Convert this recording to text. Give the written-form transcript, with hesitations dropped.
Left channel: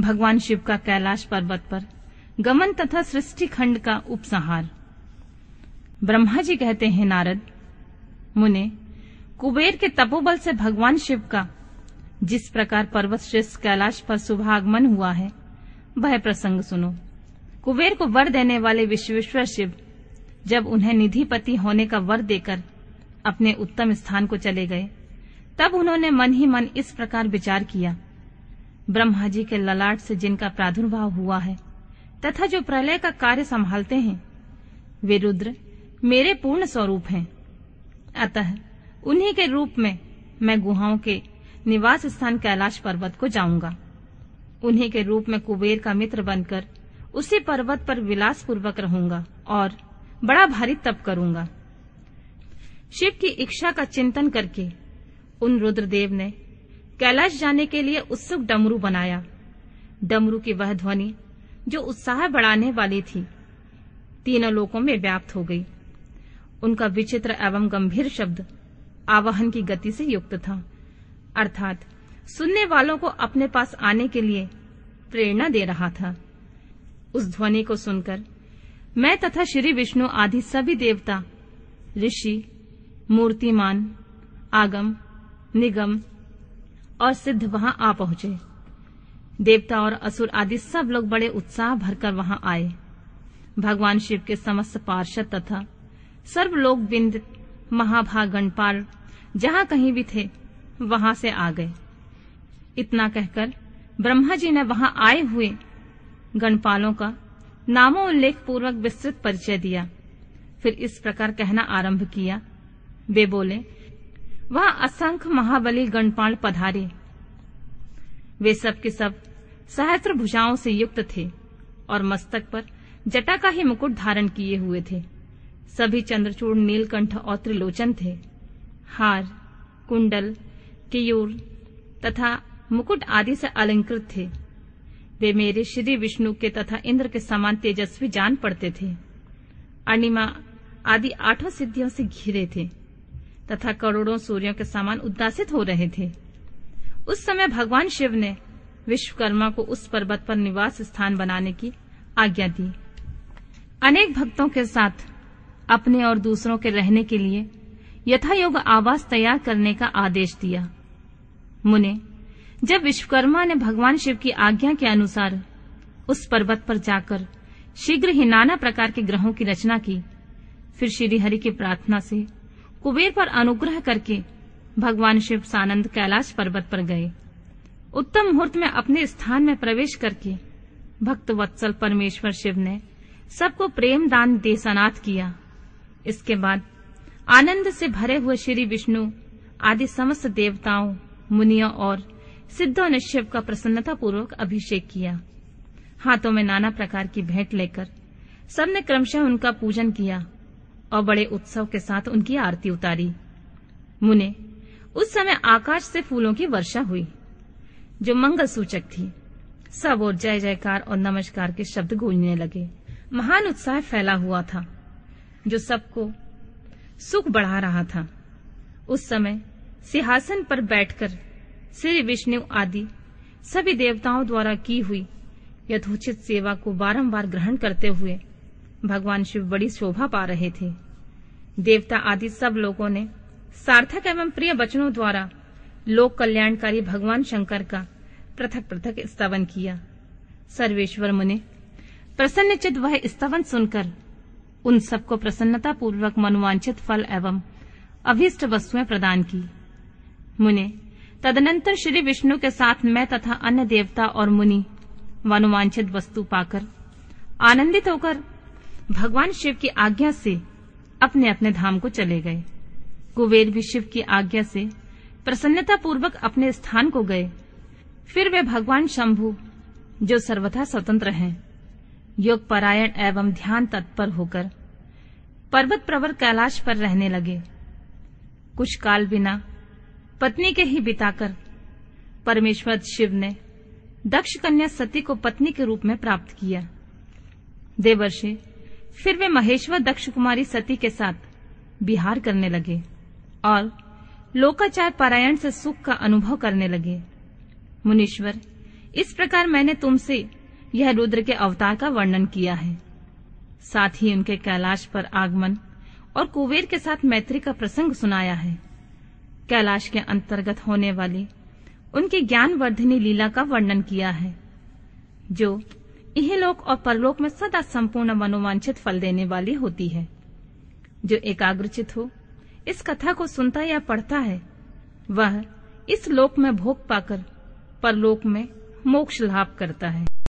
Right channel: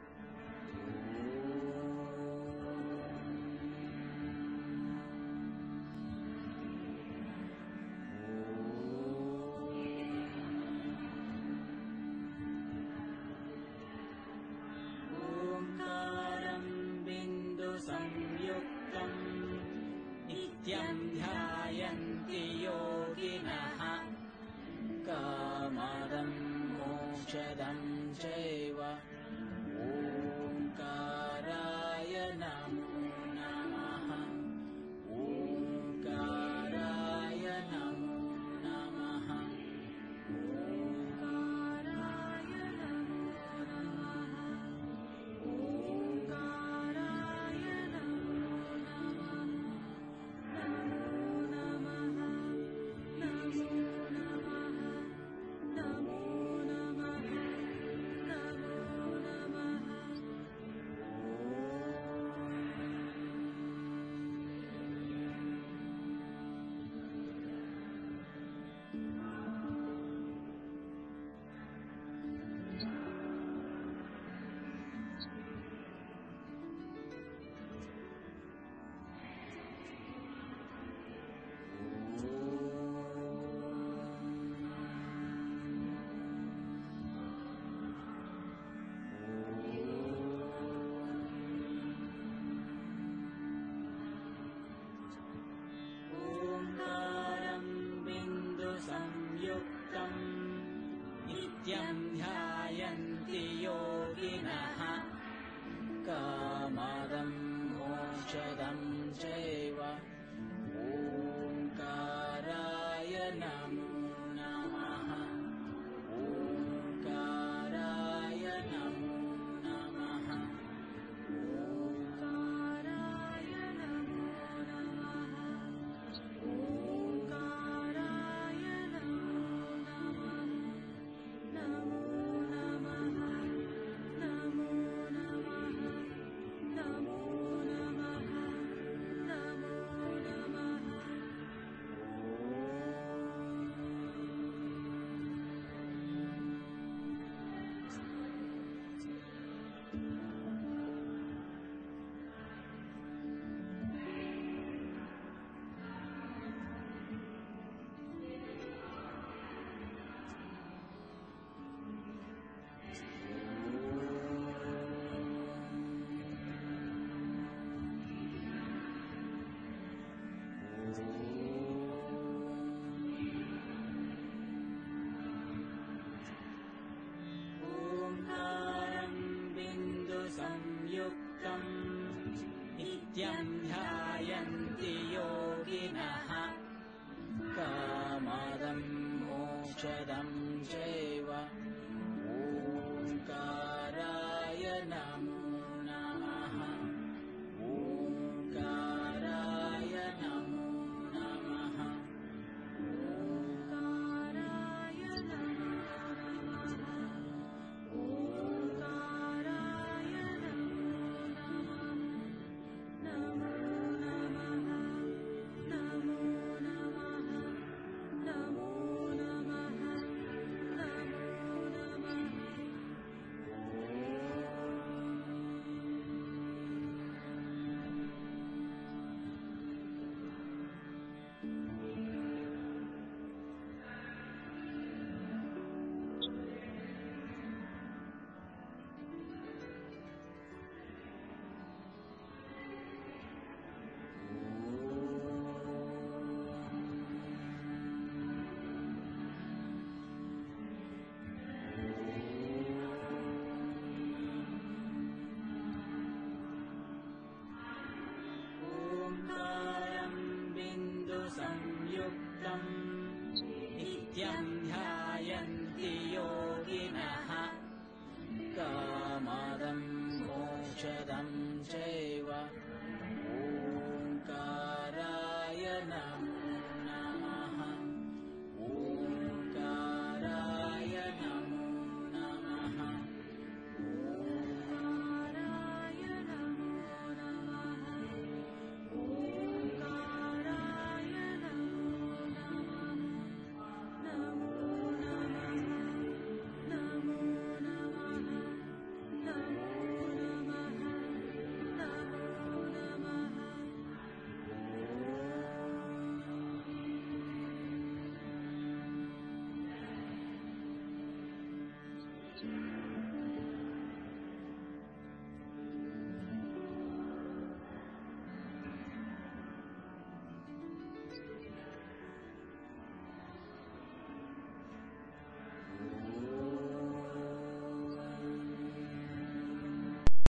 भगवान शिव का कैलाश पर्वत पर गमन तथा सृष्टि खंड का उपसंहार। ब्रह्मा जी कहते हैं, नारद मुने, कुबेर के तपोबल से भगवान शिव का जिस प्रकार पर्वत श्रेष्ठ कैलाश पर शुभागमन हुआ है, वह प्रसंग सुनो। कुबेर को वर देने वाले विश्वेश्वर शिव जब उन्हें निधिपति होने का वर देकर अपने उत्तम स्थान को चले गए, तब उन्होंने मन ही मन इस प्रकार विचार किया, ब्रह्मा जी के ललाट से जिनका प्रादुर्भाव हुआ है तथा जो प्रलय का कार्य संभालते हैं, वे रुद्र मेरे पूर्ण स्वरूप हैं। अतः उन्हीं के रूप में मैं गुहाओं के निवास स्थान कैलाश पर्वत को जाऊंगा। उन्हीं के रूप में कुबेर का मित्र बनकर उसी पर्वत पर विलास पूर्वक रहूंगा और बड़ा भारी तप करूंगा। शिव की इच्छा का चिंतन करके उन रुद्रदेव ने कैलाश जाने के लिए उत्सुक डमरू बनाया। डमरू की वह ध्वनि जो उत्साह बढ़ाने वाली थी, तीनों लोकों में व्याप्त हो गई। उनका विचित्र एवं गंभीर शब्द आवाहन की गति से युक्त था, अर्थात सुनने वालों को अपने पास आने के लिए प्रेरणा दे रहा था। उस ध्वनि को सुनकर मैं तथा श्री विष्णु आदि सभी देवता, ऋषि, मूर्तिमान, आगम, निगम और सिद्ध वहां आ पहुंचे। देवता और असुर आदि सब लोग बड़े उत्साह भरकर वहां आए। भगवान शिव के समस्त पार्षद तथा सर्वलोक बिंद महाभाग गणपाल जहां कहीं भी थे, वहां से आ गए। इतना कहकर ब्रह्मा जी ने वहां आए हुए गणपालों का नामोल्लेख पूर्वक विस्तृत परिचय दिया। फिर इस प्रकार कहना आरंभ किया। वे बोले, वहां असंख्य महाबली गणपाल पधारे। वे सब के सब सहस्त्र भुजाओं से युक्त थे और मस्तक पर जटा का ही मुकुट धारण किए हुए थे। सभी चंद्रचूड़, नीलकंठ और त्रिलोचन थे। हार, कुंडल, केयूर तथा मुकुट आदि से अलंकृत थे। वे मेरे श्री विष्णु के तथा इंद्र के समान तेजस्वी जान पड़ते थे। अणिमा आदि 8 सिद्धियों से घिरे थे तथा करोड़ों सूर्यों के समान उद्दासित हो रहे थे। उस समय भगवान शिव ने विश्वकर्मा को उस पर्वत पर निवास स्थान बनाने की आज्ञा दी। अनेक भक्तों के साथ अपने और दूसरों के रहने के लिए यथायोग्य आवास तैयार करने का आदेश दिया। मुने, जब विश्वकर्मा ने भगवान शिव की आज्ञा के अनुसार उस पर्वत पर जाकर शीघ्र ही नाना प्रकार के ग्रहों की रचना की, फिर श्री हरि की प्रार्थना से कुबेर पर अनुग्रह करके भगवान शिव सानंद कैलाश पर्वत पर गए। उत्तम मुहूर्त में अपने स्थान में प्रवेश करके भक्त वत्सल परमेश्वर शिव ने सबको प्रेम दान दे सनाथ किया। इसके बाद आनंद से भरे हुए श्री विष्णु आदि समस्त देवताओं, मुनियों और सिद्धों ने शिव का प्रसन्नता पूर्वक अभिषेक किया। हाथों में नाना प्रकार की भेंट लेकर सबने क्रमशः उनका पूजन किया और बड़े उत्सव के साथ उनकी आरती उतारी। मुने, उस समय आकाश से फूलों की वर्षा हुई जो मंगल सूचक थी। सब और जय जयकार और नमस्कार के शब्द गूंजने लगे। महान उत्साह फैला हुआ था जो सबको सुख बढ़ा रहा था। उस समय सिंहासन पर बैठकर श्री विष्णु आदि सभी देवताओं द्वारा की हुई यथोचित सेवा को बारंबार ग्रहण करते हुए भगवान शिव बड़ी शोभा पा रहे थे। देवता आदि सब लोगों ने सार्थक एवं प्रिय वचनों द्वारा लोक कल्याणकारी भगवान शंकर का पृथक पृथक स्तवन किया। सर्वेश्वर मुने प्रसन्नचित्त वह स्तवन सुनकर उन सबको प्रसन्नता पूर्वक मनोवांछित फल एवं अभीष्ट वस्तुएं प्रदान की। मुने, तदनंतर श्री विष्णु के साथ मैं तथा अन्य देवता और मुनि मनोवांछित वस्तु पाकर आनंदित होकर भगवान शिव की आज्ञा से अपने अपने धाम को चले गए। कुबेर भी शिव की आज्ञा से प्रसन्नता पूर्वक अपने स्थान को गए। फिर वे भगवान शंभु, जो सर्वथा स्वतंत्र हैं, योग परायण एवं ध्यान तत्पर होकर पर्वत प्रवर कैलाश पर रहने लगे। कुछ काल बिना पत्नी के ही बिताकर परमेश्वर शिव ने दक्ष कन्या सती को पत्नी के रूप में प्राप्त किया। देवर्षि फिर वे महेश्वर दक्ष कुमारी सती के साथ विहार करने लगे और लोकाचार पारायण से सुख का अनुभव करने लगे। मुनीश्वर इस प्रकार मैंने तुमसे यह रुद्र के अवतार का वर्णन किया है। साथ ही उनके कैलाश पर आगमन और कुबेर के साथ मैत्री का प्रसंग सुनाया है। कैलाश के अंतर्गत होने वाली उनकी ज्ञानवर्धिनी लीला का वर्णन किया है, जो इहलोक और परलोक में सदा संपूर्ण मनोवांछित फल देने वाली होती है। जो एकाग्रचित हो इस कथा को सुनता या पढ़ता है, वह इस लोक में भोग पाकर परलोक में मोक्ष लाभ करता है।